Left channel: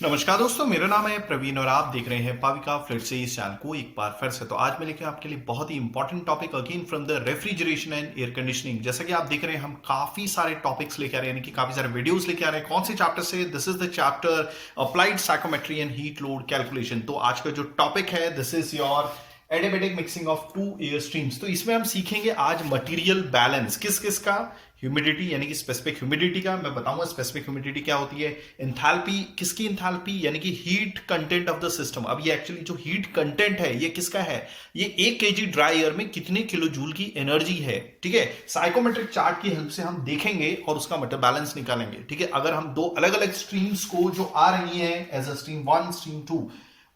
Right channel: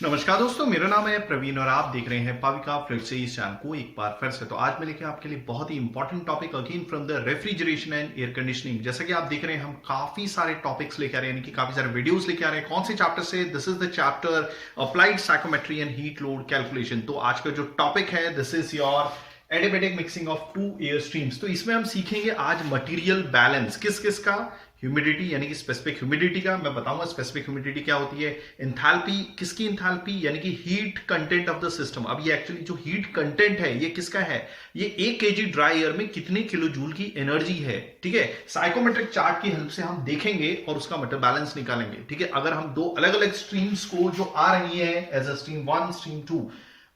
नमस्कार दोस्तों, मेरा नाम है प्रवीण और आप देख रहे हैं पाविका फ्लड से इस चैनल को एक बार फिर से। तो आज मैं लेके आपके लिए बहुत ही important topic again from the refrigeration and air conditioning. जैसा कि आप देख रहे हैं, हम काफी सारे टॉपिक्स लेके आ रहे हैं, यानी कि काफी सारे वीडियोस लेके आ रहे हैं। कौन से चैप्टर से? This is the chapter applied psychrometry and heat load calculation. तो आज का जो टॉपिक है, this is your adiabatic mixing of two air streams. तो इसमें हम सीखेंगे आज मटेरियल बैलेंस। किस किस का? ह्यूमिडिटी यानी कि स्पेसिफिक ह्यूमिडिटी का मैं बताऊंगा स्पेसिफिक ह्यूमिडिटी क्या होती है। एंथैल्पी, किसकी एंथैल्पी? यानी कि heat content of the system. अब ये एक्चुअली जो हीट कंटेंट है ये किसका है? ये 1 केजी ड्राई एयर में कितने किलो जूल की एनर्जी है। ठीक है, साइकोमेट्रिक चार्ट की हेल्प से हम देखेंगे और उसका मेटल बैलेंस निकालेंगे। ठीक है, अगर हम दो अलग अलग स्ट्रीम्स को जो आ रही है एज अ स्ट्रीम 1 स्ट्रीम 2,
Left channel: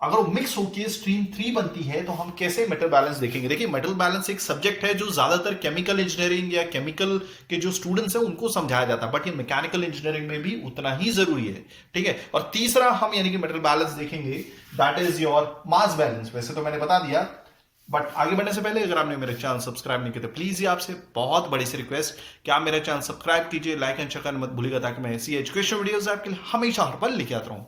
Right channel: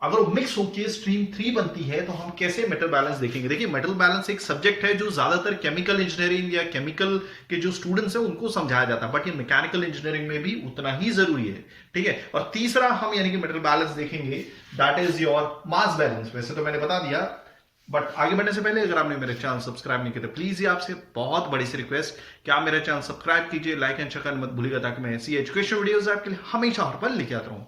अगर वो मिक्स होकर स्ट्रीम 3 बनती है तो हम कैसे मेटल बैलेंस देखेंगे। देखिए, मेटल बैलेंस एक सब्जेक्ट है जो ज्यादातर केमिकल इंजीनियरिंग या केमिकल के जो स्टूडेंट्स हैं उनको समझाया जाता है, बट ये मैकेनिकल इंजीनियरिंग में भी उतना ही जरूरी है। ठीक है, और तीसरा हम यानी कि मेटल बैलेंस देखेंगे, that is your mass balance. वैसे तो मैंने बता दिया, बट आगे बढ़ने से पहले अगर आपने मेरे चैनल सब्सक्राइब नहीं किया तो प्लीज ये आपसे बहुत बड़ी सी रिक्वेस्ट कि आप मेरा चैनल सब्सक्राइब कीजिए, लाइक एंड शेयर करना मत भूलिएगा, ताकि मैं ऐसी एजुकेशन वीडियोस आपके लिए हमेशा हर पल लेके आता रहूं।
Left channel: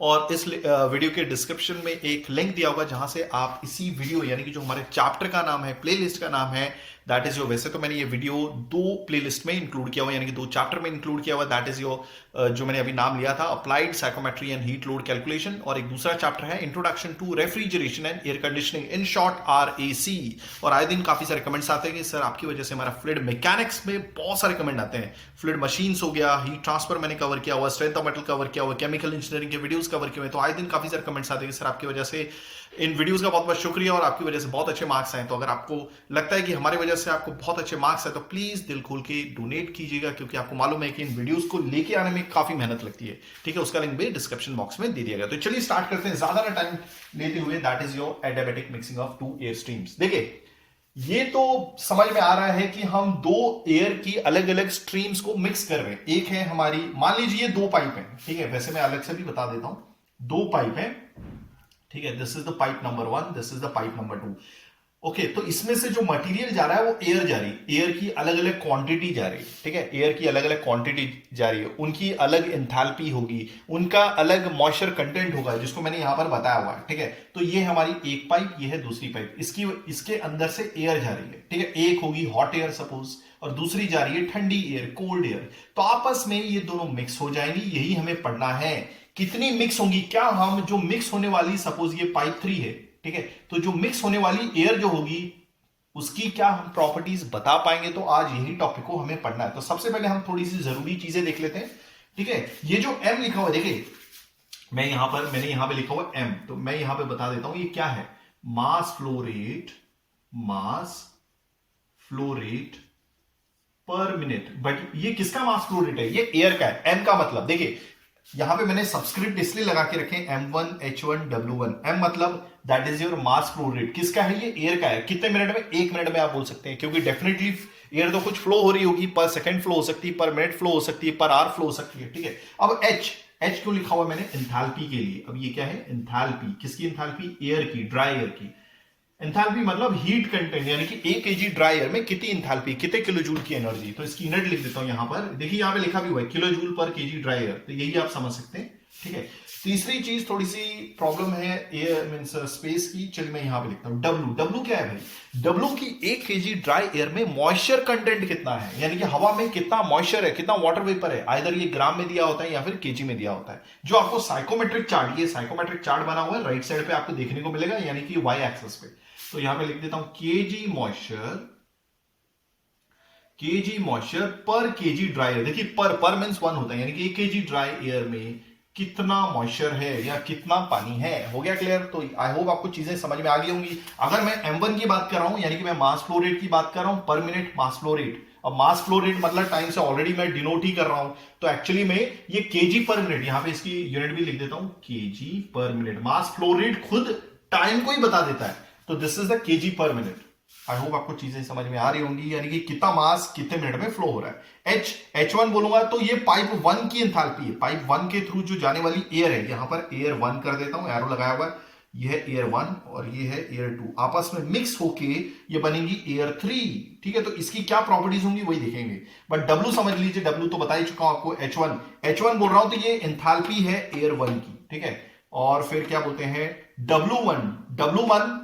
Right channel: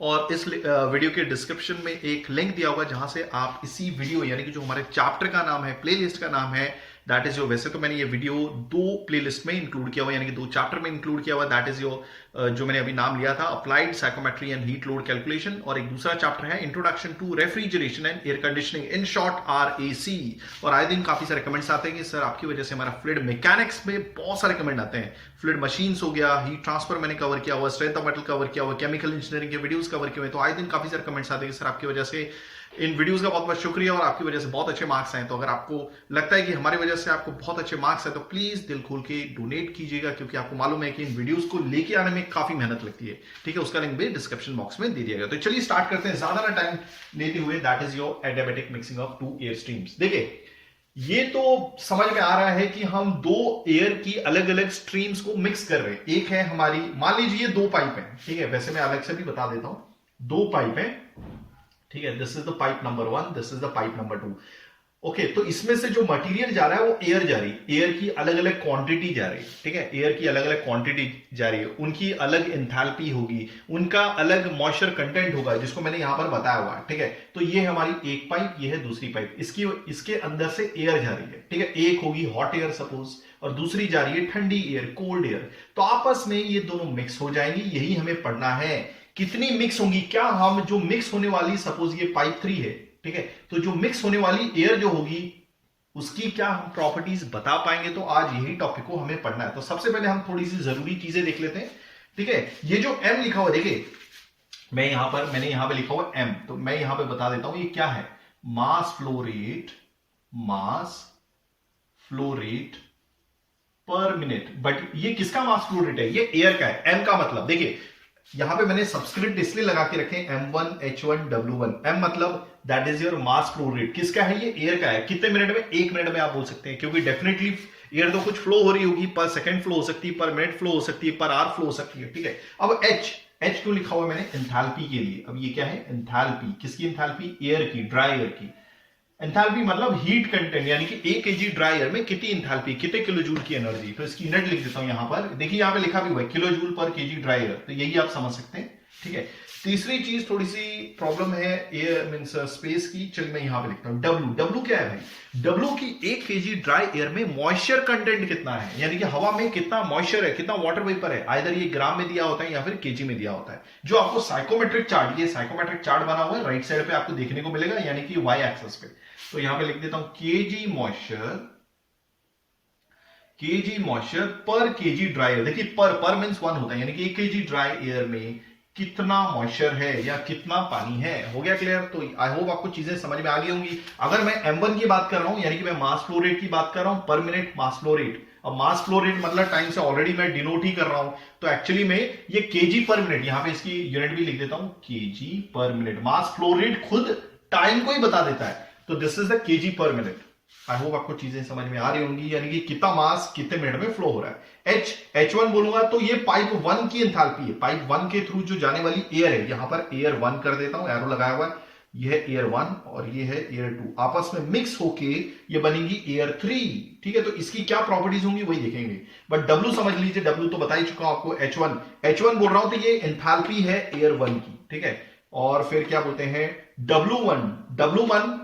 और इस वीडियो के डिस्क्रिप्शन में एक लिंक दिया होगा जहां से आप इसी वीडियो यानी कि जो हमारे चैप्टर का नाम है, प्लेलिस्ट का नाम है, दैट इज योर। वैसे तो मैंने ये वीडियो 2 प्लेलिस्ट में इंक्लूड किया हुआ, यानी कि 2 चैप्टर में इंक्लूड किया हुआ। दैट इज योर जो मैंने अभी नाम लिया था, applied psychrometry and heat load calculation, और एक दूसरा चैप्टर है introduction to refrigeration and air conditioning, in short RAC। और आए दिन काफी सारे कमेंट्स आते हैं कि सर आपकी वजह से हमारा फ्लूइड मैकेनिक्स में बहुत सारे कमेंट आते हैं। फ्लूइड मशीन्स हो गया, हीट ट्रांसफर मैंने कवर किया हुआ, स्ट्रेंथ ऑफ मेटल कवर किया हुआ, केमिकल इंजीनियरिंग के वीडियोस कवर किए हुए। तो आए दिन काफी सारे कमेंट्स आते हैं कि सर आपकी वजह से इन वीडियोस का बहुत बहुत शुक्रिया और आपकी वजह से बहुत अच्छे मार्क्स आए। तो अगर आपको लगता है कि हमारी वजह से आपको बहुत अच्छे मार्क्स आए तो प्लीज दिल खोल के डोनेट कीजिएगा, क्योंकि आपको मालूम है कि इन वीडियोस को लेके आने में काफी मेहनत लगती है। ठीक है, उसका लिंक भी डिस्क्रिप्शन बॉक्स में दे दिया गया। तो चलिए स्टार्ट करते हैं ज्यादा ना टाइम लेते हुए। That is your adiabatic mixing of 2 air streams. देखिए, ये तो समझ में आ रहा है कि हम 2 एयर की अलग अलग स्ट्रीम्स को मिक्स कर रहे हैं। एक है हमारी, मान लीजिए 2 पाइप है। ठीक है, वैसे मैं अलग से भी बता देता हूं, 2 पाइप है। ठीक है, this is the pipe number 1, this is the pipe number 2। Okay, तो इसमें से जो मटेरियल जा रहा है वो एयर जा रही है, एयर की अलग अलग क्वांटिटी जा रही है। ठीक है, एयर की अलग अलग क्वांटिटी जा रही है, उनकी अलग एंथैल्पी होगी, उनका अलग मॉइस्चर कंटेंट होगा, जिसको मैंने यहां पर बताया हुआ है। ठीक है, तो ये हमारी एक पाइप, ये है दूसरी पाइप, इसके अंदर से एयर जा रही है। ठीक है, एक होगी हॉट एयर सपोज और दूसरी जा रही है ठंडी एयर, कोल्ड एयर। तो आपस में ये दोनों मिक्स हो जाएंगी, यही हमें पढ़ना है। कितनी मिक्स होंगी? क्या हम जो मिक्स होने वाली, सपोज ये पाइप 3 है, ठीक है, तो जो मिक्स होने वाली एयर जो होगी उसकी क्या हम प्रॉपर्टीज बता पाएंगे? तो आज यही टॉपिक को हमें पढ़ना है। तो सबसे पहले हम थोड़ी सी जरूरी चीजें देख लेते हैं। ठीक है, ये जो M लिखा हुआ, देखिए मैंने यहां पे लिखा हुआ M, तो मैं यहां पे बता देता हूं ये क्या है। Mass flow rate, mass flow rate पर मिनट। बट ये किसका मास फ्लो रेट है? ये एयर का है। M का मतलब, देखिए यहां पे मैंने सब्सक्रिप्ट इसलिए लगा के रखे M1 H1 W1। M मतलब that is your mass flow rate. किसका है? ये एयर का है। कितने मिनट में? 1 मिनट में आप बोल सकते हैं, क्योंकि डेफिनेटली एयर तो कुछ फ्लो हो रही होगी, पर सेकंड फ्लो हो सकती है, पर मिनट फ्लो हो सकती है, पर आवर फ्लो हो सकती है। ठीक है, अब H क्यों लिखा हुआ है मैंने? एंथैल्पी के लिए। अब ये क्या है? एंथैल्पी। किसकी एंथैल्पी? एयर की, ड्राई एयर की। एंथैल्पी मतलब हीट कंटेंट, यानी कि 1 केजी ड्राई एयर में कितनी एंथैल्पी, कितने किलो जूल की एनर्जी। तो इसकी यूनिट लिख देता हूं यहां पर। देखिए यहां पे लिखा भी हुआ है किलो जूल पर केजी ड्राई एयर, तो यही आप समझ सकते हैं। ठीक है, तीसरी चीज थोड़ी सी प्रॉब्लम है एयर मींस स्पेस की। चलिए मैं यहां पे लिखता हूं W क्या है भाई? W की 1 केजी ड्राई एयर में मॉइस्चर कंटेंट कितना है, यानी कि हवा में कितना मॉइस्चर है, कितना वाटर वेपर है। आइदर ये ग्राम में दिया होता है या फिर केजी में दिया होता है। जो आपको साइकोमेट्रिक चार्ट, ये साइकोमेट्रिक चार्ट बना हुआ है राइट साइड पे आपको देखने को मिलेगा, यानी कि वाई एक्सिस पे। तो यहां पे लिख देता हूं केजी मॉइस्चर पर केजी ड्राई एयर। देखिए पर मींस 1 होता है, यानी कि 1 केजी ड्राई एयर में कितना मॉइस्चर है या कितना पानी है। हो गया क्लियर? तो आई होप आपको चीजें समझ में आ गई होंगी। अगर मैं M1 की बात कर रहा हूं, यानी कि मैं मास फ्लो रेट की बात कर रहा हूं, पर मिनट मास फ्लो रेट। अब मास फ्लो रेट मतलब टाइम से ऑलरेडी मैं डिनोट ही कर रहा हूं, तो एक्चुअली में ये केजी पर मिनट, यहां पे इसकी यूनिट भी लिख देता हूं, केजी पर मिनट। मास फ्लो रेट खुद टाइम को ही बता देता है, तो दिस इज द केजी पर मिनट। आई होप आपको चीजें समझ में आ रही होंगी, यानी कि कितना मास कितने मिनट में फ्लो हो रहा है। H1 बोलूंगा तो ये पाइप 1 की एंथैल्पी है। पाइप 1 के थ्रू जो जाने वाली एयर है, यहां पर एयर 1 कर देता हूं, एरो लगाया हुआ है। ये है एयर 1 और ये है एयर 2, आपस में मिक्स होके ये बनेगी एयर 3। ठीक है, तो इसकी क्या प्रॉपर्टीज होंगी वही देखेंगे। बट W समझ लीजिए, W तो बता ही चुका हूं आपको, H1 बोल रहा हूं तो ये एंथैल्पी है एयर 1 की। ठीक है, और फिर क्या बोलते हैं W1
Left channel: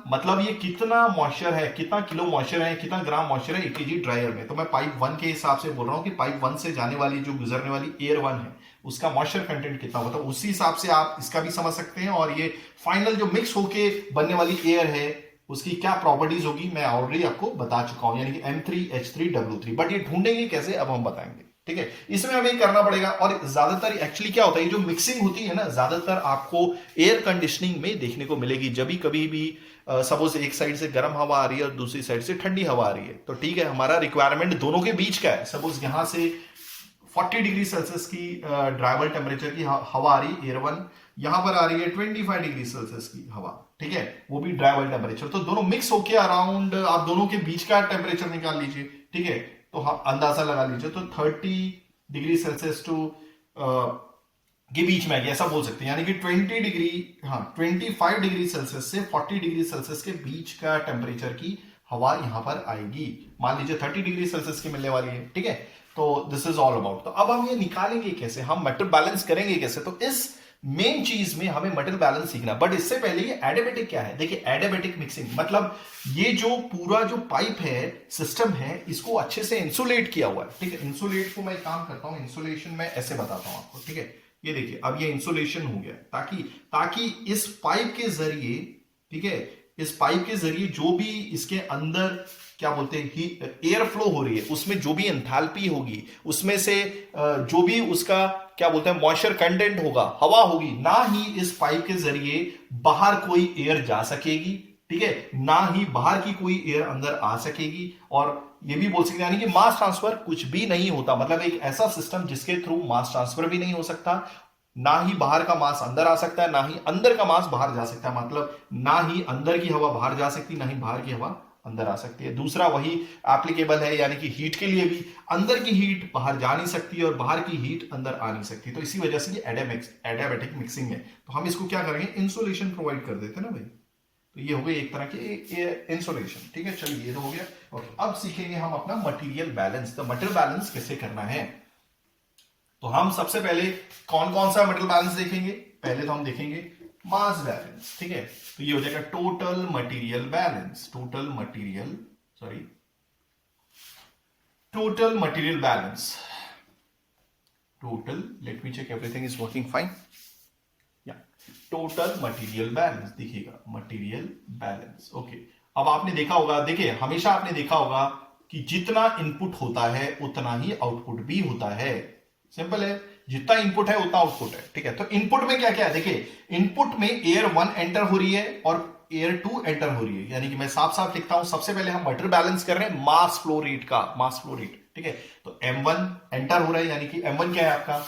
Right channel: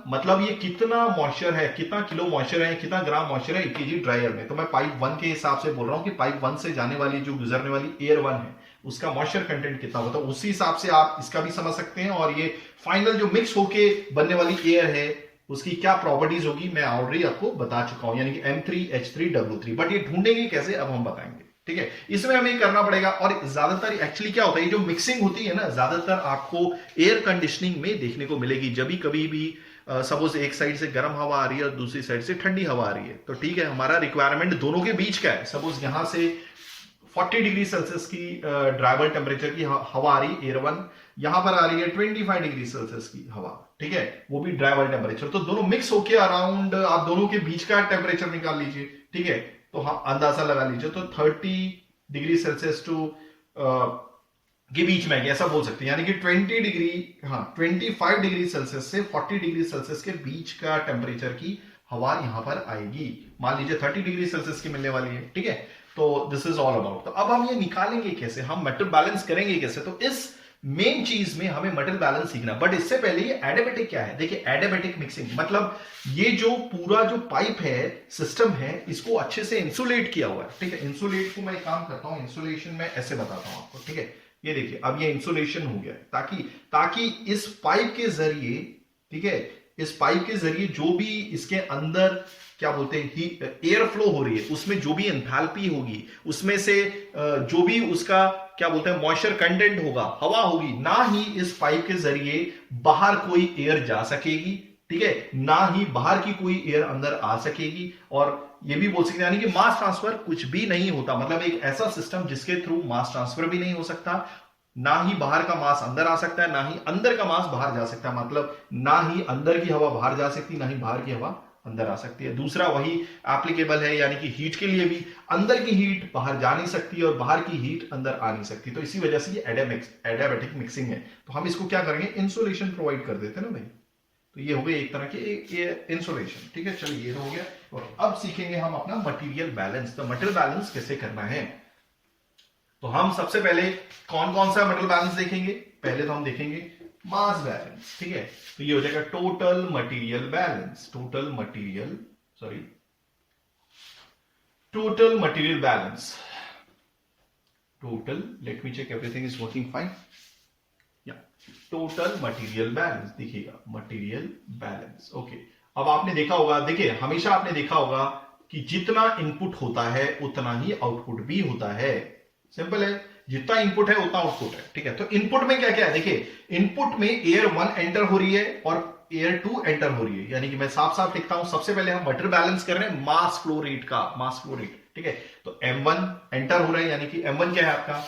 मतलब ये कितना मॉइस्चर है, कितना किलो मॉइस्चर है, कितना ग्राम मॉइस्चर है 1 केजी ड्राई एयर में। तो मैं पाइप 1 के हिसाब से बोल रहा हूं कि पाइप 1 से जाने वाली जो गुजरने वाली एयर 1 है उसका मॉइस्चर कंटेंट कितना होता है, उसी हिसाब से आप इसका भी समझ सकते हैं। और ये फाइनल जो मिक्स होके बनने वाली एयर है उसकी क्या प्रॉपर्टीज होगी मैं ऑलरेडी आपको बता चुका हूं, यानी कि M3H3W3। बट ये ढूंढेंगे कैसे अब हम बताएंगे। ठीक है, इसमें हमें करना पड़ेगा। और ज्यादातर एक्चुअली क्या होता है, ये जो मिक्सिंग होती है ना, ज्यादातर आपको एयर कंडीशनिंग में देखने को मिलेगी। जब भी कभी भी सपोज एक साइड से गर्म हवा आ रही है और दूसरी साइड से ठंडी हवा आ रही है, तो ठीक है, हमारा रिक्वायरमेंट दोनों के बीच का है। सपोज यहां से 40 डिग्री सेल्सियस की ड्राइबल टेम्परेचर की हवा आ रही है एयर 1, यहां पर आ रही है 25 डिग्री सेल्सियस की हवा। ठीक है, वो भी ड्राइबल टेम्परेचर, तो दोनों मिक्स होके अराउंड आप दोनों के बीच का टेम्परेचर निकाल लीजिए। ठीक है, तो हाँ अंदाजा लगा लीजिए, तो 30 डिग्री सेल्सियस टू के बीच में ऐसा बोल सकते हैं, यानी कि 25 डिग्री सेल्सियस से 40 डिग्री सेल्सियस के बीच का टेम्परेचर की हवा यहां पर आएगी। मान लीजिए 30 डिग्री सेल्सियस की मिलने वाली है। ठीक है, तो दिस इज ऑल अबाउट। तो अब हम ये निकालेंगे कैसे, हम मेटल बैलेंस करेंगे कैसे, तो इस मेन चीज में हमें मेटल बैलेंस सीखना। बट इससे पहले ये एडियाबैटिक क्या है, देखिए एडियाबैटिक मिक्सिंग मतलब ये जो पूरा जो पाइप है, सिस्टम है, इसको अच्छे से इंसुलेट किया हुआ है। ठीक है, इंसुलेट को मैं काम करता हूं, इंसुलेशन में ऐसे बताता हूं आपको। ठीक है, ये देखिए अब ये इंसुलेशन हो गया, ताकि इस पाइप के जरिए, ठीक है, इस पाइप के जरिए जो भी इसके अंदर क्या बोलते हैं एयर फ्लो हो रही है, उसमें जो भी एंथैल्पी होगी, उसमें से जो भी उसका क्या बोलते हैं मॉइस्चर कंटेंट होगा, हवा होगी, ना ही इस पाइप के जरिए बाहर कोई एयर जा सकेगी। ठीक है, ना ही बाहर की कोई एयर अंदर आ सकेगी। और ये भी बोल सकते हैं यानी कि मास ट्रांसफर कुछ भी नहीं होता, मतलब एक ऐसा सिस्टम जिसके थ्रू मास ट्रांसफर भी नहीं हो सकता, ना ही बाहर का मास अंदर आ सकता है, ना ही अंदर का मास बाहर जा सकता है, मतलब ना ही अंदर की हवा बाहर जा सकती, ना ही बाहर की हवा अंदर आ सकती है। दूसरा वही एप्लीकेबल है, यानी कि हीट के लिए भी, अंदर की हीट बाहर जा नहीं सकती और बाहर की हीट अंदर आ नहीं सकती। तो इसी वजह से ये एडियाबैटिक मिक्सिंग है। तो हम इसको क्या करेंगे, इंसुलेशन प्रोवाइड कर देते हैं ना भाई। तो ये हो गई एक तरह की इंसुलेशन। ठीक है, चलिए ये तो हो गया। और अब सीखेंगे हम अपना मटेरियल बैलेंस। तो मटेरियल बैलेंस कैसे करना है, तो हम सबसे पहले कौन कौन सा मटेरियल बैलेंस देखेंगे, पहले तो हम देखेंगे मास बैलेंस। ठीक है, तो ये हो जाएगा total material balance, total material balance, total, let me check everything is working fine, या टोटल मटेरियल बैलेंस दिखेगा, मटेरियल बैलेंस। ओके, अब आपने देखा होगा, देखिए हमेशा आपने देखा होगा कि जितना इनपुट होता है उतना ही आउटपुट भी होता है। सिंपल है, जितना इनपुट है उतना आउटपुट है। ठीक है, तो इनपुट में क्या क्या है, देखिए इनपुट में एयर 1 एंटर हो रही है और एयर 2 एंटर हो रही है, यानी कि मैं साफ साफ लिखता हूं, सबसे पहले हम मटेरियल बैलेंस कर रहे हैं मास फ्लो रेट का, मास फ्लो रेट। ठीक है, तो M1 एंटर हो रहा है, यानी कि M1 क्या है आपका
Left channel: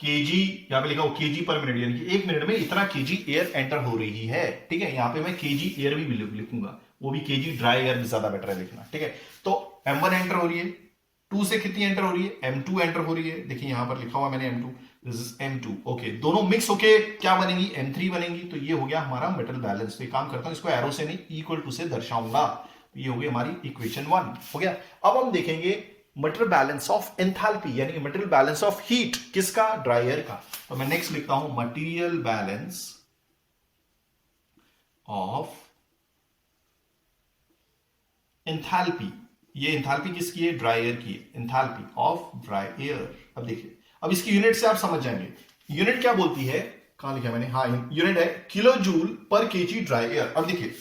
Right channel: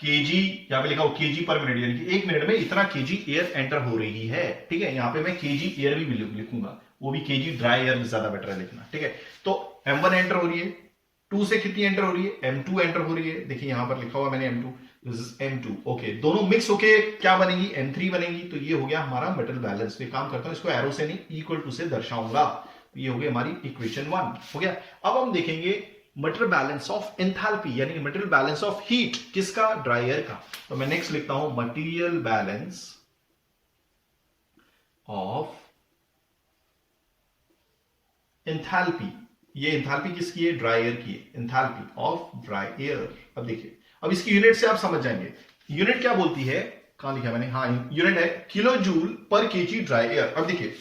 केजी, यहां पे लिखा हो केजी पर मिनट, यानी कि 1 मिनट में इतना केजी एयर एंटर हो रही है। ठीक है, यहां पे मैं केजी एयर भी लिखूंगा, वो भी केजी ड्राई एयर में ज्यादा बेटर है लिखना। ठीक है, तो M1 एंटर हो रही है, 2 से कितनी एंटर हो रही है, M2 एंटर हो रही है, देखिए यहां पर लिखा हुआ मैंने M2, this is M2। Okay, दोनों मिक्स होके क्या बनेगी, M3 बनेगी। तो ये हो गया हमारा मटेरियल बैलेंस। तो एक काम करता हूं, इसको एरो से नहीं इक्वल टू से दर्शाऊंगा। तो ये हो गई हमारी इक्वेशन 1 हो गया। अब हम देखेंगे मटेरियल बैलेंस ऑफ एंथैल्पी, यानी मटेरियल बैलेंस ऑफ हीट, किसका, ड्राई एयर का। तो मैं नेक्स्ट लिखता हूं मटेरियल बैलेंस ऑफ एंथैल्पी। ये एंथैल्पी किसकी है, ड्राई एयर की, एंथैल्पी ऑफ ड्राई एयर। अब देखिए, अब इसकी यूनिट से आप समझ जाएंगे, यूनिट क्या बोलती है, कहां लिखा मैंने, हाँ यूनिट है किलो जूल पर केजी ड्राई एयर। अब देखिए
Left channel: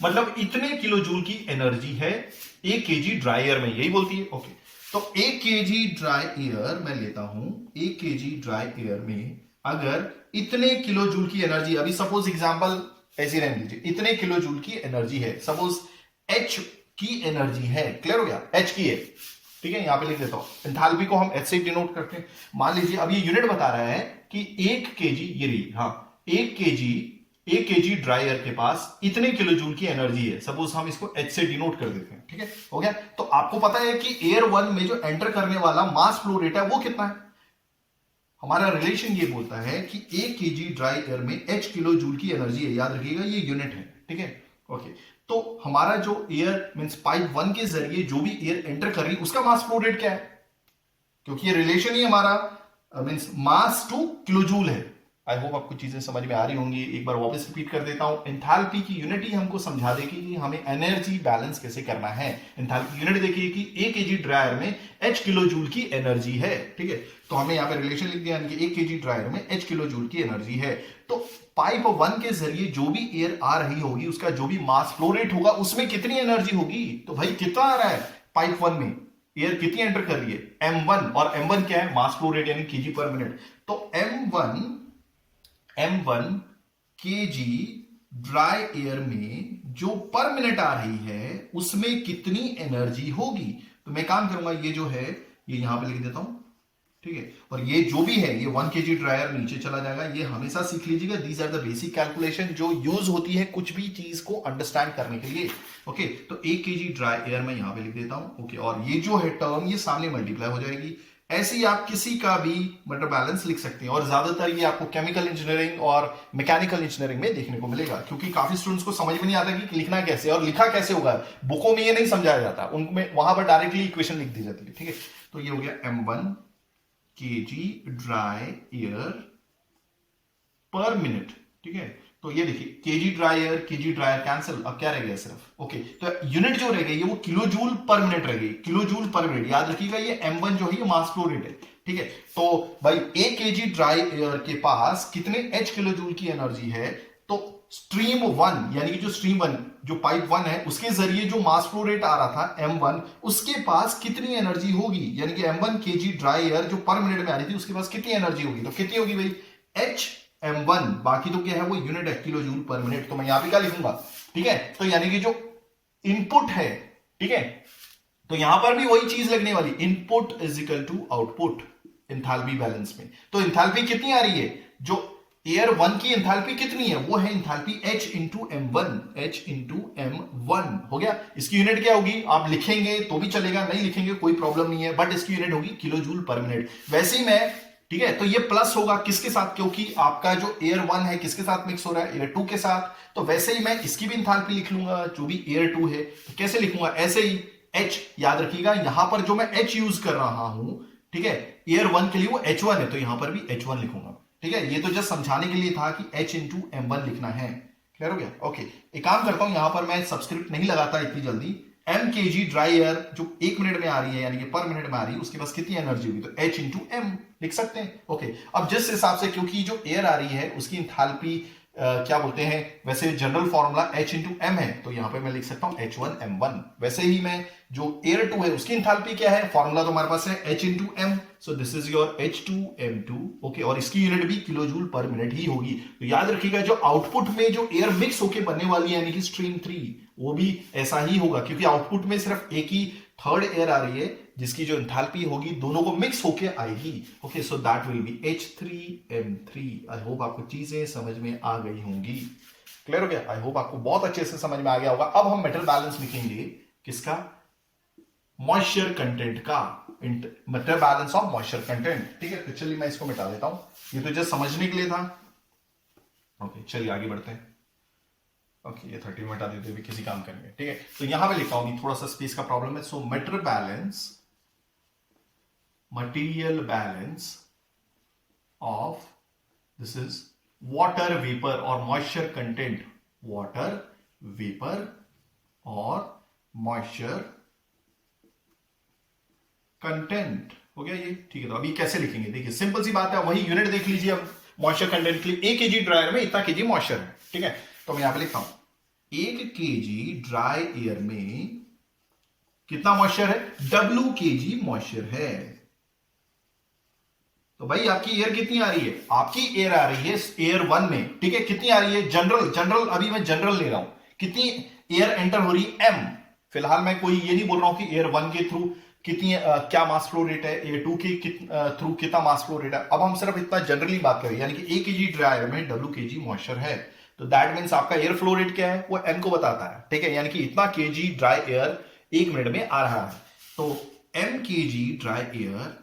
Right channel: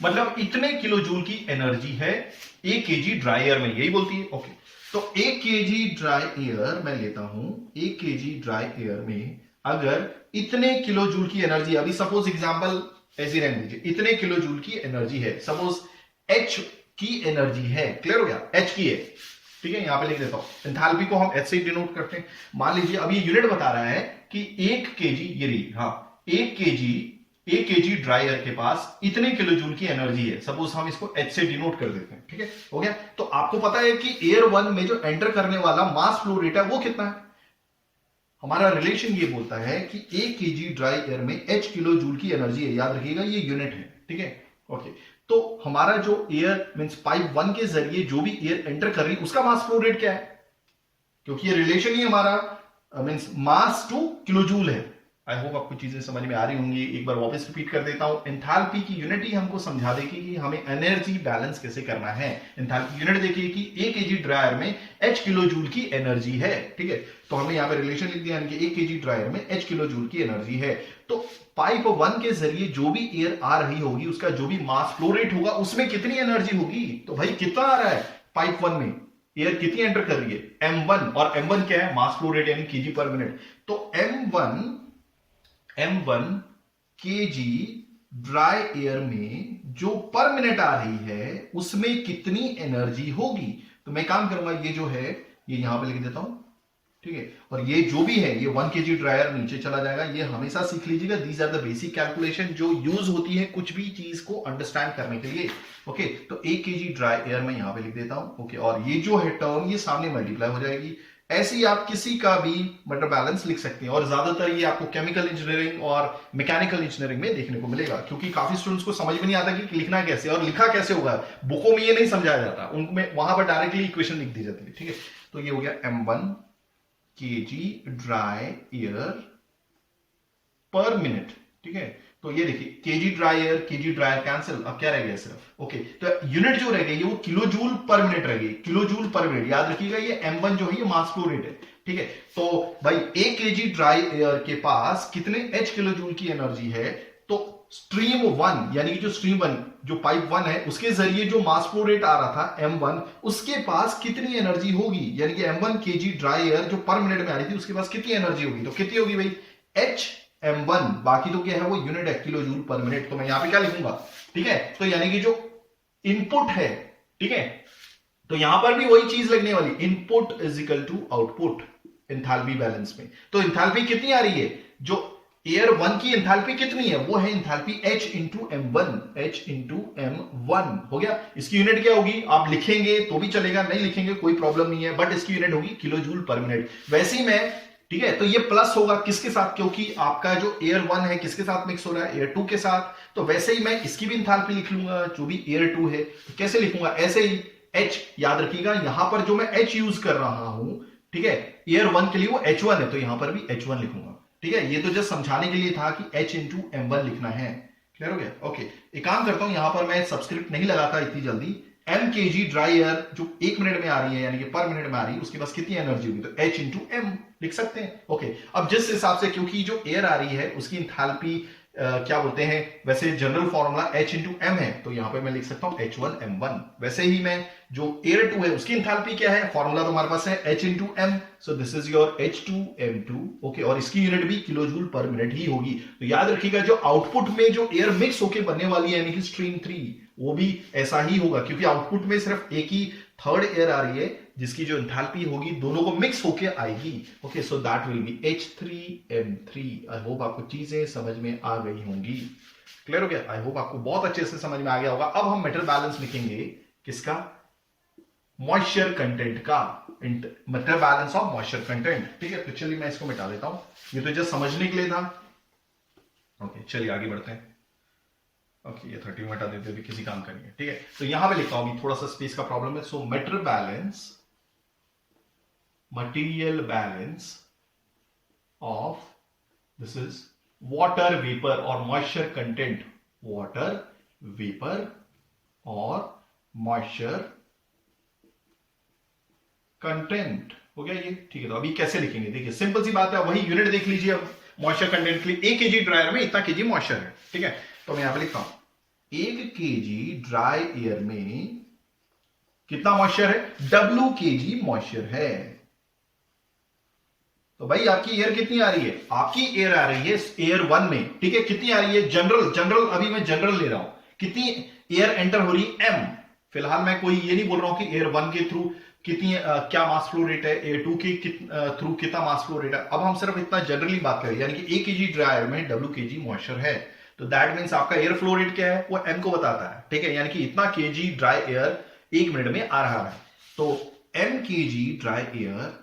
मतलब इतने किलो जूल की एनर्जी है 1 केजी ड्राई एयर में, यही बोलती है। ओके, तो 1 केजी ड्राई एयर मैं लेता हूं, 1 केजी ड्राई एयर में अगर इतने किलो जूल की एनर्जी, अभी सपोज एग्जांपल ऐसे रहने दीजिए, इतने किलो जूल की एनर्जी है, सपोज H की एनर्जी है, क्लियर हो गया, H की है। ठीक है, यहां पे लिख देता हूं, एंथैल्पी को हम H से डिनोट करते हैं। मान लीजिए अब ये यूनिट बता रहा है कि 1 केजी, ये रही, हाँ 1 केजी ड्राई एयर के पास इतने किलो जूल की एनर्जी है, सपोज हम इसको H से डिनोट कर देते हैं। ठीक है, हो गया। तो आपको पता है कि एयर 1 में जो एंटर करने वाला मास फ्लो रेट है वो कितना है, हमारा रिलेशन ये बोलता है कि 1 केजी ड्राई एयर में h किलो जूल की एनर्जी है। याद रखिएगा ये यूनिट है, ठीक है। ओके, तो हमारा जो एयर मींस पाइप 1 के जरिए जो भी एयर एंटर कर रही है उसका मास फ्लो रेट क्या है, क्योंकि ये रिलेशन ही हमारा मींस मास टू किलो जूल है। आई होप आपको चीजें समझ में आ रही होंगी। एक बार वापस रिपीट कर देता हूं। एंथैल्पी की यूनिट ही हमको समझा देगी कि हमें एनर्जी बैलेंस कैसे करना है। एंथैल्पी यूनिट देखिए कि 1 केजी ड्रायर में h किलो जूल की एनर्जी है, ठीक है। तो हमने यहाँ पे रिलेशन लिख दिया कि 1 केजी ड्रायर में h किलो जूल की एनर्जी है। तो पाइप 1 के जरिए जो भी एयर आ रही होगी उसका जो भी मास फ्लो रेट होगा उसमें कितनी एनर्जी होगी। तो भाई कितना आ रहा है पाइप 1 में एयर कितनी एंटर कर रही है m1, और m1 क्या है मास फ्लो रेट यानी केजी पर मिनट। तो m1 केजी ड्राई एयर में जो पर मिनट आ रही है उसमें कितनी एनर्जी होगी। तो मैं काम करूंगा ये जो है ये यहां पे लिख देता हूं, ठीक है। और ये जो भी है ये 1 केजी ड्रायर नीचे चला जाएगा। ये हमेशा सीख लीजिएगा, these are the basic calculation जो यूज होती है कुछ भी चीज को अंडरस्टैंड करने के लिए। ओके, तो 1 केजी ड्राई एयर में यहां पे लिख देता हूं। ओके, और ये जो है टर्म ये सामने मल्टीप्लाई हो जाएगी। ऐसे ही आप किसी का भी मटर बैलेंस लिख सकते हैं, और ज्यादातर ये आपको केमिकल इंजीनियरिंग और मैकेनिकल इंजीनियरिंग में देखने को मिलेगा, क्योंकि काफी स्टूडेंट्स को समझ में नहीं आता कि लिखना कैसे और लिखा कैसे होगा। बुकों में ये नहीं समझाया जाता, उनमें वहां पर डायरेक्टली इक्वेशन लिख दी जाती है, ठीक है। तो ये हो गया m1 केजी ड्राई एयर पर मिनट, ठीक है। तो ये देखिए केजी ड्राई एयर कैंसिल, अब क्या रह गया सिर्फ। ओके, तो यूनिट जो रह गई वो किलो जूल पर मिनट रह गई, किलो जूल पर मिनट। याद रखिएगा ये m1 जो है ये मास फ्लो रेट है, ठीक है। तो भाई 1 केजी ड्राई एयर के पास कितने h किलो जूल की एनर्जी है। तो स्ट्रीम 1 यानी कि जो स्ट्रीम 1 जो पाइप 1 है उसके जरिए जो मास फ्लो रेट आ रहा था m1 उसके पास कितनी एनर्जी होगी, यानी कि m1 केजी ड्राई एयर जो पर मिनट में आ रही थी उसके पास कितनी एनर्जी होगी। तो कितनी होगी भाई h m1, बाकी तो क्या है वो यूनिट है किलो जूल पर मिनट। तो मैं यहां पे क्या लिखूंगा, ठीक है। तो यानी कि जो इनपुट है, ठीक है, तो यहां पर भी वही चीज लगने वाली, input is equal to output enthalpy balance में। तो एंथैल्पी कितनी आ रही है, जो एयर 1 की एंथैल्पी कितनी है वो है enthalpy h into m1, h into m1 हो गया। इसकी यूनिट क्या होगी आप लिखेंगे तो भी चलेगा, नहीं लिखेंगे कोई प्रॉब्लम नहीं है, बट इसकी यूनिट होगी किलो जूल पर मिनट। वैसे ही मैं, ठीक है, तो ये प्लस होगा किसके साथ, क्योंकि आपका जो एयर 1 है किसके साथ मिक्स हो रहा है, एयर 2 के साथ। तो वैसे ही मैं इसकी भी एंथैल्पी लिख लूंगा जो भी एयर 2 है। तो कैसे लिखूंगा, ऐसे ही h, याद रखिएगा यहां पर जो मैं h यूज कर रहा हूं, ठीक है, एयर 1 के लिए वो h1 है तो यहां पर भी h1 लिखूंगा, ठीक है। ये तो जस्ट समझाने के लिए था कि h इंटू m1 लिखना है। क्लियर हो गया। ओके, एक काम करता हूं यहां पर मैं सब्सक्रिप्ट नहीं लगाता इतनी जल्दी। m केजी ड्राई एयर जो 1 मिनट में आ रही है यानी कि पर मिनट में आ रही है उसके पास कितनी एनर्जी होगी, तो h इंटू m लिख सकते हैं। ओके, अब जिस हिसाब से क्योंकि जो एयर आ रही है उसकी एंथैल्पी क्या बोलते हैं, वैसे general formula h into m है, तो यहां पे मैं लिख सकता हूं h1 m1। वैसे ही मैं जो एयर 2 है उसकी एंथैल्पी क्या है, फॉर्मूला तो हमारे पास है h into m, so this is your h2 m2। Okay, और इसकी यूनिट भी किलो जूल पर मिनट ही होगी। तो याद रखिएगा जो आउटपुट में जो एयर मिक्स होके बनने वाली है यानी कि स्ट्रीम 3 वो भी ऐसा ही होगा, क्योंकि आउटपुट में सिर्फ एक ही थर्ड एयर आ रही है जिसकी जो एंथैल्पी होगी दोनों को मिक्स होके आएगी। Okay, so that will be h3m3। I hope आपको चीजें समझ में आ गई होंगी। क्लियर हो गया। आई होप आपको बहुत अच्छे से समझ में आ गया होगा। अब हम मेटल बैलेंस लिखेंगे किसका, मॉइस्चर कंटेंट का, metal balance of moisture content, ठीक है। तो चलिए मैं इसको मिटा देता हूं, ये तो जस्ट समझने के लिए था। ओके, चलिए आगे बढ़ते हैं। ओके, ये 30 में हटा देते हुए किसी काम करेंगे, ठीक है। तो यहां पे लिखता हूं, थोड़ा सा स्पेस का प्रॉब्लम है। So metal balance, material balance of, this is water vapour और मॉइस्चर कंटेंट, वाटर वेपर और मॉइस्चर कंटेंट हो गया ये, ठीक है। तो अभी कैसे लिखेंगे, देखिए सिंपल सी बात है, वही यूनिट देख लीजिए। अब मॉइस्चर कंटेंट के लिए 1 केजी ड्रायर में इतना केजी मॉइस्चर है, ठीक है। तो मैं यहां पे लिखता हूं 1 केजी ड्राई एयर में कितना मॉइस्चर है, W केजी मॉइस्चर है। तो भाई आपकी एयर कितनी आ रही है, आपकी एयर आ रही है एयर 1 में, ठीक है। कितनी आ रही है, जनरल अभी मैं जनरल ले रहा हूं, कितनी एयर एंटर हो रही है m। फिलहाल मैं कोई ये नहीं बोल रहा हूं कि एयर 1 के थ्रू कितनी क्या मास फ्लो रेट है, एयर 2 के थ्रू कितना मास फ्लो रेट है। अब हम सिर्फ इतना जनरली बात करें, यानी कि 1 केजी ड्राई एयर में W केजी मॉइस्चर है, तो दैट मीन्स आपका एयर फ्लो रेट क्या है वो m को बताता है, ठीक है। यानी कि इतना केजी ड्राई एयर 1 मिनट में आ रहा है। तो m KG dry air,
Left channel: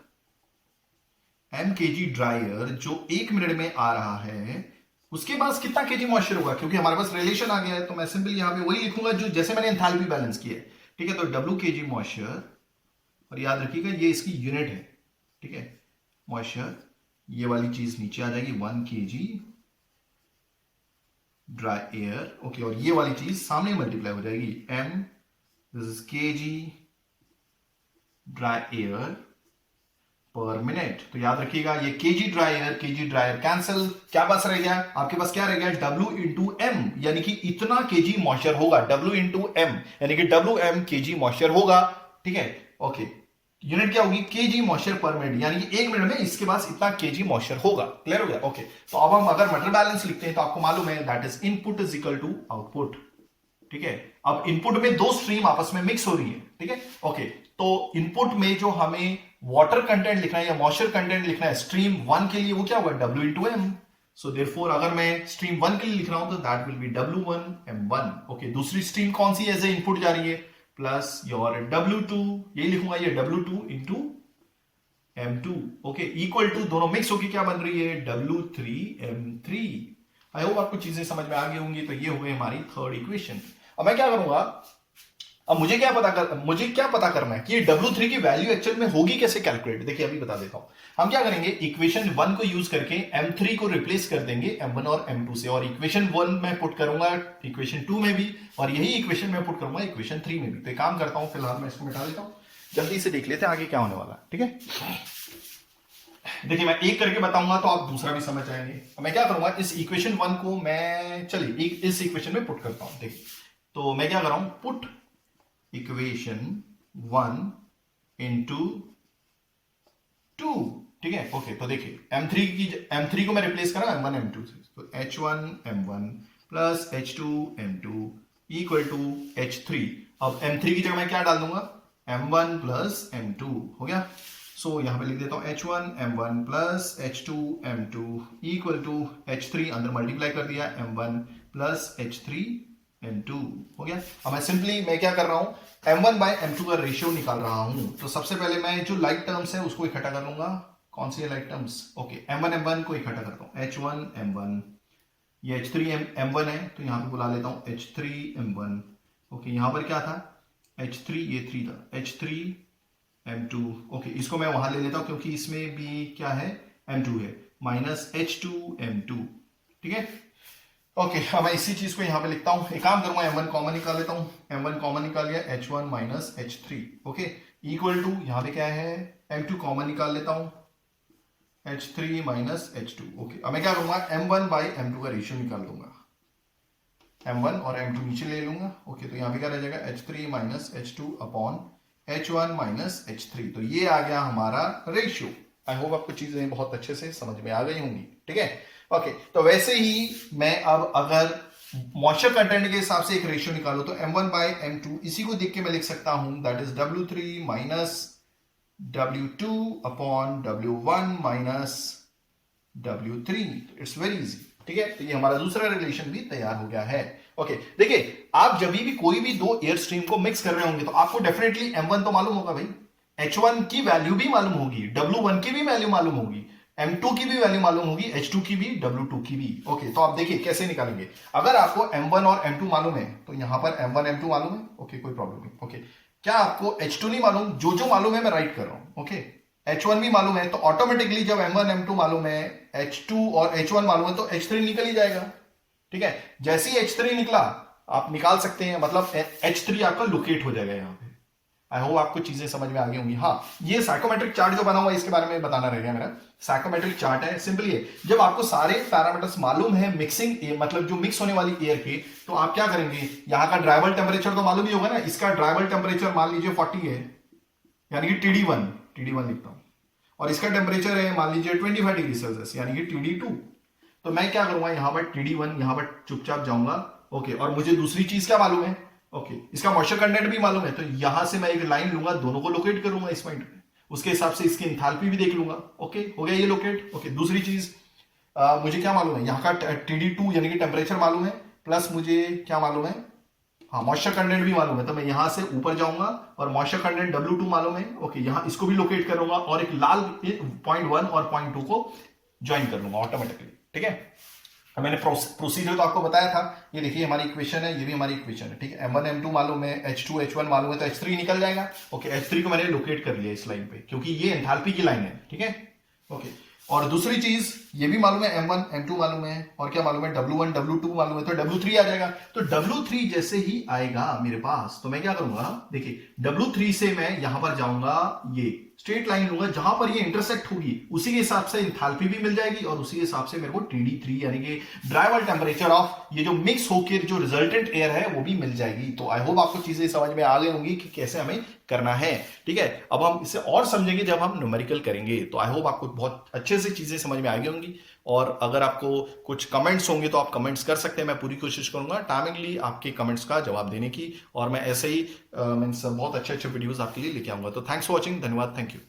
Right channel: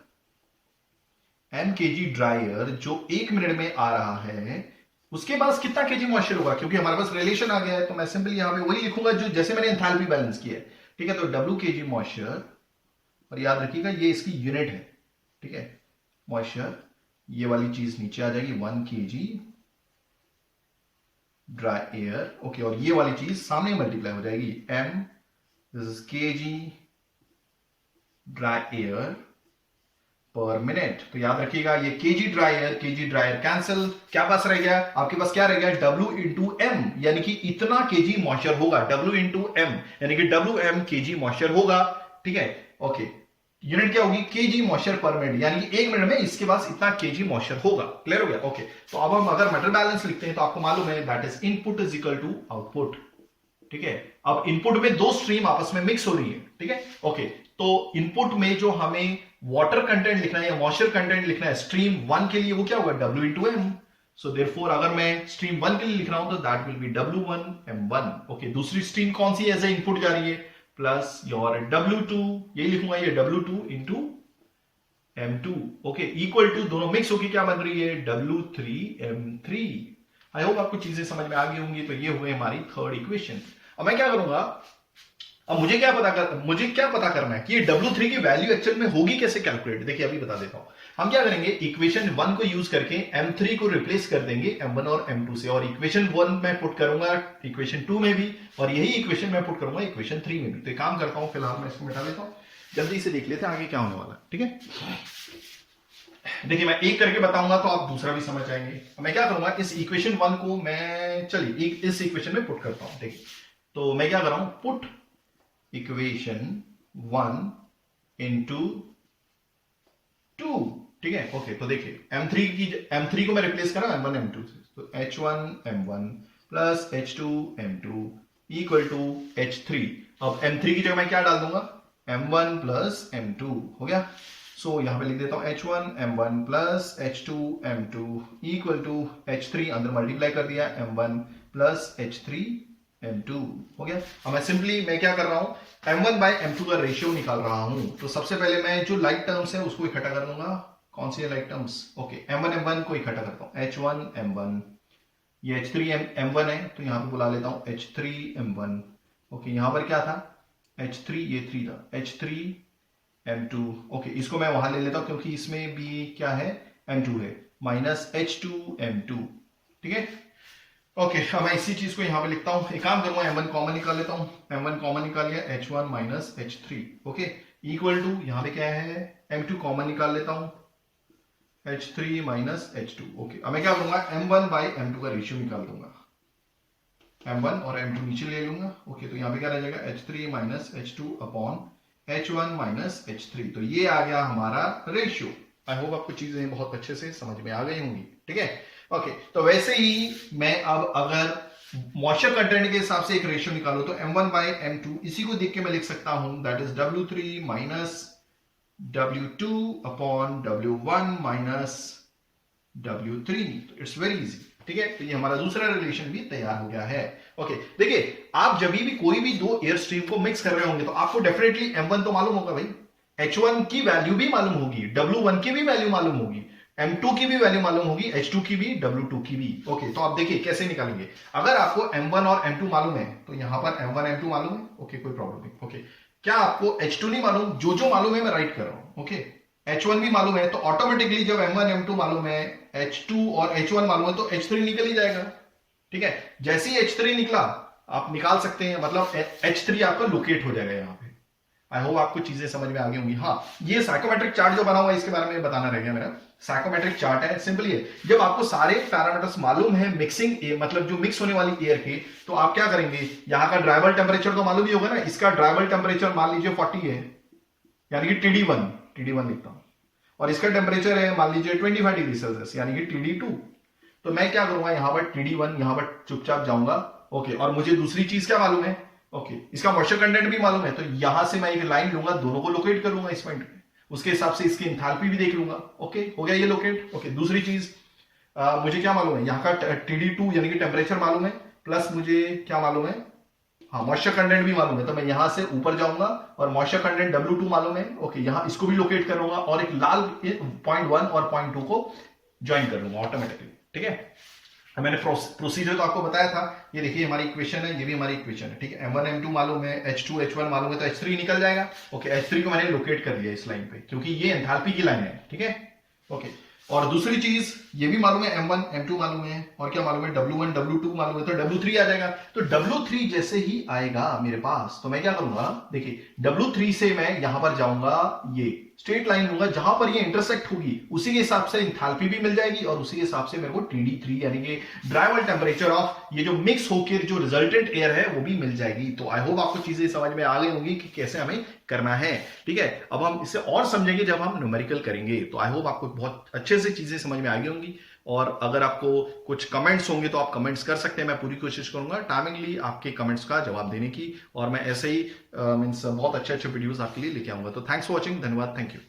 m kg dry air जो 1 मिनट में आ रहा है, उसके पास कितना केजी मॉइस्चर होगा, क्योंकि हमारे पास रिलेशन आ गया है तो मैं सिंपली यहां पे वही लिखूंगा जो जैसे मैंने एंथैल्पी बैलेंस किया है। ठीक है, तो W kg मॉइस्चर, और याद रखिएगा ये इसकी यूनिट है। ठीक है, मॉइस्चर, ये वाली चीज नीचे आ जाएगी 1 kg ड्राई एयर। ओके, और ये वाली चीज सामने मल्टीप्लाई हो जाएगी, m this is kg dry air पर मिनट। तो याद रखिएगा ये kg ड्राई एयर कैंसिल, क्या पास रह गया आपके पास, क्या रह गया, W इंटू एम, यानी कि इतना kg मॉइस्चर होगा, W इंटू एम यानी कि WM kg मॉइस्चर होगा। ठीक है, ओके, यूनिट क्या होगी, kg मॉइस्चर पर मिनट, यानी कि 1 मिनट में इसके पास इतना kg मॉइस्चर होगा। क्लियर हो गया? ओके, तो अब हम अगर मेटल बैलेंस लिखते हैं तो आपको मालूम है that is input is equal to output. ठीक है, अब इनपुट में दो स्ट्रीम आपस में मिक्स हो रही है। ठीक है, ओके, तो इनपुट में जो हमें वाटर कंटेंट लिखना है या मॉइस्चर कंटेंट लिखना है स्ट्रीम 1 के लिए, वो क्या होगा, W into M. So therefore अगर मैं स्ट्रीम 1 के लिए लिख रहा हूं तो that will be W1 M1। Okay, दूसरी स्ट्रीम कौन सी एज ए इनपुट जा रही है, प्लस योर W2, ये लिखूंगा ये W2 into M2। Okay, equal to, दोनों मिक्स होकर क्या बन रही है, W3 M3। आई होप आपको चीजें समझ में आ गई होंगी। तो ये हुए हमारी थर्ड इक्वेशन। अब मैं क्या करूंगा, अब मुझे क्या पता करना है कि ये W3 की वैल्यू एक्चुअल में होगी कैसे कैलकुलेट। देखिए अभी बता देता हूं। हम क्या करेंगे, इक्वेशन 1 को यूज करके M3 को रिप्लेस कर देंगे M1 और M2 से, और इक्वेशन 1 में पुट करूंगा इक्वेशन 2 में भी, और यही इक्वेशन में पुट करूंगा इक्वेशन 3 में भी। तो एक काम करता हूं, फिलहाल मैं इसको मिटा देता हूं, जल्दी से देख लेते हैं आगे क्या होने वाला है। ठीक है, देखिए मैं एक करके बताऊंगा तो आप दूसरा भी समझ आएंगे। मैं क्या करूंगा, इस इक्वेशन 1 को मैं, चलिए इस इक्वेशन में पुट करता हूं। देखिए, तो मैं क्या कर रहा हूं, पुट इक्वेशन 1 इंटू 2। ठीक है, ओके, तो देखिए M3 को मैं रिप्लेस करा M1 M2 से, तो H1 M1 plus H2 M2 equal to H3। अब M3 की जगह मैं क्या डाल दूंगा, M1 प्लस M2 हो गया। सो यहां पे लिख देता हूं H1 M1 plus H2 M2 equal to H3, अंदर मल्टीप्लाई कर दिया M1 प्लस H3 M2 हो गया। अब मैं क्या कर रहा हूं, M1 बाय M2 का रेशियो निकाल रहा हूं। तो सबसे पहले मैं जो लाइक टर्म्स है उसको इकट्ठा करूंगा। कौन सी like terms, okay, M1 M1 को इकट्ठा करता हूं, H1 M1, ये H3 M1 है तो यहां पे बुला लेता हूं H3 M1। ओके, यहां पर क्या था, H3, ये 3 था, H3 M2। ओके, इसको मैं वहां ले लेता हूं क्योंकि इसमें भी क्या है, M2 है, माइनस H2 M2। ठीक है, ओके, अब मैं इसी चीज को यहां पे लिखता हूं। एक काम करूंगा, M1 कॉमन निकाल लेता हूं, M1 कॉमन निकाल लिया, H1 minus H3। Okay, equal to, यहां पे क्या है, M2 कॉमन निकाल लेता हूं, H3 माइनस H2। ओके, अब मैं क्या करूंगा, M1 बाई M2 का रेशियो निकाल दूंगा, M1 और M2 नीचे ले लूंगा। ओके, तो यहां पे क्या रह जाएगा, H3 minus H2 upon H1 minus H3। तो ये आ गया हमारा रेशियो। आई होप आपको चीजें बहुत अच्छे से समझ में आ गई होंगी। ठीक है, ओके, तो वैसे ही मैं अब अगर मॉइस्चर कंटेंट के हिसाब से एक रेशियो निकालो तो M1 बाय M2, इसी को देख के मैं लिख सकता हूं that is W3 minus W2 upon W1 minus W3। It's very easy. ठीक है, तो ये हमारा दूसरा रिलेशन भी तैयार हो गया है। ओके, देखिए आप जब भी कोई भी दो एयर स्ट्रीम को मिक्स कर रहे होंगे तो आपको डेफिनेटली M1 तो मालूम होगा भाई, H1 की वैल्यू भी मालूम होगी, W1 की भी वैल्यू मालूम होगी, M2 की भी वैल्यू मालूम होगी, H2 की भी, W2 की भी। ओके, तो आप देखिए कैसे निकालेंगे। अगर आपको M1 और M2 मालूम है तो यहां पर M1 M2 मालूम है, ओके, कोई प्रॉब्लम नहीं। ओके, क्या आपको H2 नहीं मालूम, जो मालूम है मैं राइट कर रहा हूं। ओके, H1 भी मालूम है तो ऑटोमेटिकली जब M1 M2 मालूम है, H2 और H1 मालूम है तो H3 निकल ही जाएगा। ठीक है, जैसे ही H3 निकला आप निकाल सकते हैं, मतलब H3 आपका लोकेट हो जाएगा यहाँ पे। आई होप आपको चीजें समझ में आ गई होंगी। हाँ, ये साइकोमेट्रिक चार्ट जो बना हुआ है इसके बारे में बताना रह गया मेरा। साइकोमेट्रिक चार्ट है, सिंपली है, जब आपको सारे पैरामीटर्स मालूम है मिक्सिंग मतलब जो मिक्स होने वाली एयर के, तो आप क्या करेंगे, यहाँ का ड्राइवल टेम्परेचर तो मालूम ही होगा ना, इसका ड्राइवल टेम्परेचर मान लीजिए 40 है, यानी कि TD1 लिखता हूं, और इसका टेम्परेचर है मान लीजिए 25 डिग्री सेल्सियस, यानी कि TD2। तो मैं क्या करूंगा, यहां पर TD1 यहां पर चुपचाप जाऊंगा। ओके, और मुझे दूसरी चीज क्या मालूम है, ओके, इसका मॉइस्चर कंटेंट भी मालूम है, तो यहां से मैं एक लाइन लूंगा, दोनों को लोकेट करूंगा इस पॉइंट पे, उसके हिसाब से इसकी एंथैल्पी भी देख लूंगा। ओके, हो गया ये लोकेट। ओके, दूसरी चीज मुझे क्या मालूम है, यहाँ का TD2 यानी कि टेम्परेचर मालूम है, प्लस मुझे क्या मालूम है, हाँ मॉइस्चर कंटेंट भी मालूम है, तो मैं यहां से ऊपर जाऊंगा और मॉइस्चर कंटेंट W2 मालूम है। ओके, यहां इसको भी लोकेट करूंगा और एक लाल पॉइंट 1 और पॉइंट 2 को ज्वाइन कर लूंगा ऑटोमेटिकली। ठीक है, मैंने प्रोसीजर तो आपको बताया था। ये देखिए हमारी इक्वेशन है, ये भी हमारी इक्वेशन है। ठीक है, M1 M2 मालूम है, H2 H1 मालूम है, तो H3 निकल जाएगा। ओके, H3 को मैंने लोकेट कर लिया इस लाइन पे, क्योंकि ये एंथैल्पी की लाइन है। ठीक है, ओके, और दूसरी चीज ये भी मालूम है, M1 M2 मालूम है, और क्या मालूम है, W1 W2 मालूम है, तो W3 आ जाएगा। तो W3 जैसे ही आएगा मेरे पास, तो मैं क्या करूंगा, देखिए W3 से मैं यहां पर जाऊंगा, ये स्ट्रेट लाइन लूंगा, जहां पर ये इंटरसेक्ट होगी उसी के हिसाब से इंथैल्पी भी मिल जाएगी, और उसी के हिसाब से मेरे को TD3 यानी कि ड्राइवल टेम्परेचर ऑफ ये जो मिक्स होकर जो रिजल्टेंट एयर है वो भी मिल जाएगी। तो आई होप आपको चीजें समझ में आ गई होंगी कि कैसे हमें करना है। ठीक है, अब हम इसे और समझेंगे जब हम न्यूमेरिकल करेंगे। तो आई होप आपको बहुत अच्छे से चीजें समझ में आ गई होंगी, और अगर आपको कुछ कमेंट्स होंगे तो आप कमेंट्स कर सकते हैं। मैं पूरी कोशिश करूंगा टाइमिंगली आपके कमेंट्स का जवाब देने की, और मैं ऐसे ही मीन्स बहुत अच्छे अच्छे वीडियोस आपके लिए लेके आऊंगा। तो थैंक्स फॉर वॉचिंग, धन्यवाद, थैंक यू।